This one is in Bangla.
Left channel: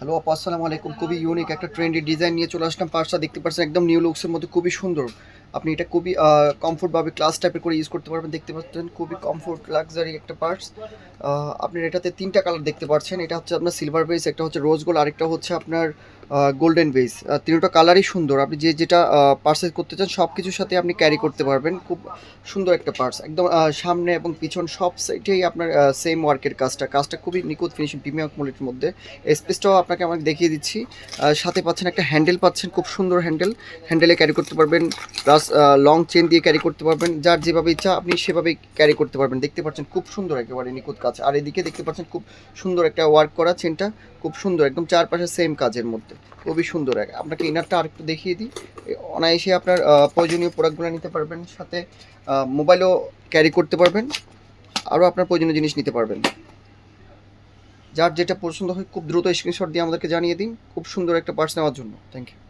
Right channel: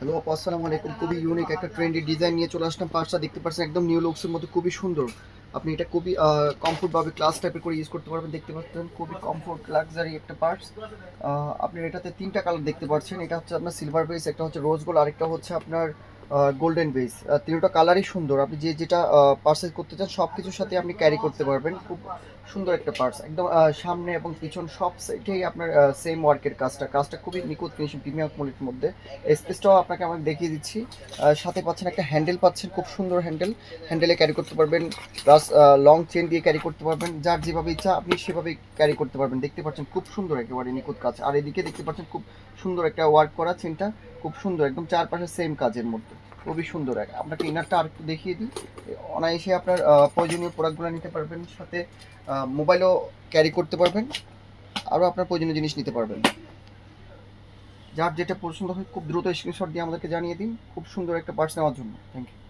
হ্যালো আপু, আসসালামু আলাইকুম। খুবই ইউনিক একটা ট্রেন্ডি ডিজাইন নিয়ে চলে আসলাম। পার্সটা দেখতে পাচ্ছেন একদম নিউ লুকসের মধ্যে, খুবই সুন্দর। আপনি এটা খুবই কমফোর্টভাবে ক্লাস টাইপের করে ইউজ করতে পারবেন। দেখতে পাচ্ছেন খুবই কমফোর্ট লাক্সারি একটা পার্স। আপনার এটাতে ৩টা কালার দেখতে পাচ্ছেন। এটা হচ্ছে আপনার সিলভার বেস, একটা হচ্ছে রোজ গোল্ড, আরেকটা হচ্ছে আপনার গোল্ডেন বেস। ৩টা কালারই সুন্দর। আপনি যেটা পার্সেস করতে চান সব কিছুর সাথে আপনি ক্যারি করতে পারবেন। খুব সুন্দর একটা পার্স, একদম সামনে এবং পিছন সব সাইডেই আপনার সেম ওয়ার্কের কাজটা খুবই নিখুঁত ফিনিশিং, প্রিমিয়াম কোয়ালিটির মধ্যে। স্পেসটাও আপনাকে আমাকে দেখিয়ে দিচ্ছি। সাথে পাচ্ছেন একটা হ্যান্ডেল, পাচ্ছেন খুব সুন্দর হ্যান্ডেল। হ্যান্ডেলে ক্যারি করতে পারবেন, প্লাস লং চেন দিয়ে ক্যারি করতে পারবেন। যার যেভাবে ইচ্ছা আপনি সেভাবেই ক্যারি করতে পারবেন। দেখতে পাচ্ছেন খুব সুন্দর একেবারে নিখুঁত কাজ। আর এদিকে দেখতে পাচ্ছেন খুব সুন্দর একটা ওয়ার্ক করা চেনটা, খুব সুন্দর, একদম চারপাশে সেম কাজের মধ্যে, খুবই সুন্দর। আপনাকে ইনারটা আরেকটু দেখিয়ে দিই। অনায়াসে আপনার প্রয়োজনীয় প্রোডাক্টগুলো নিতে পারবেন, সাথে মোবাইলও ক্যারি করতে পারবেন, আরও আপনার প্রয়োজনীয় জিনিস নিতে পারবেন। যার যেটা পছন্দ হয় খুব দ্রুত স্ক্রিনশট দিয়ে আমাদেরকে জানিয়ে দিন। খুব সুন্দর একটা পার্স নেওয়ার জন্য। Thank you.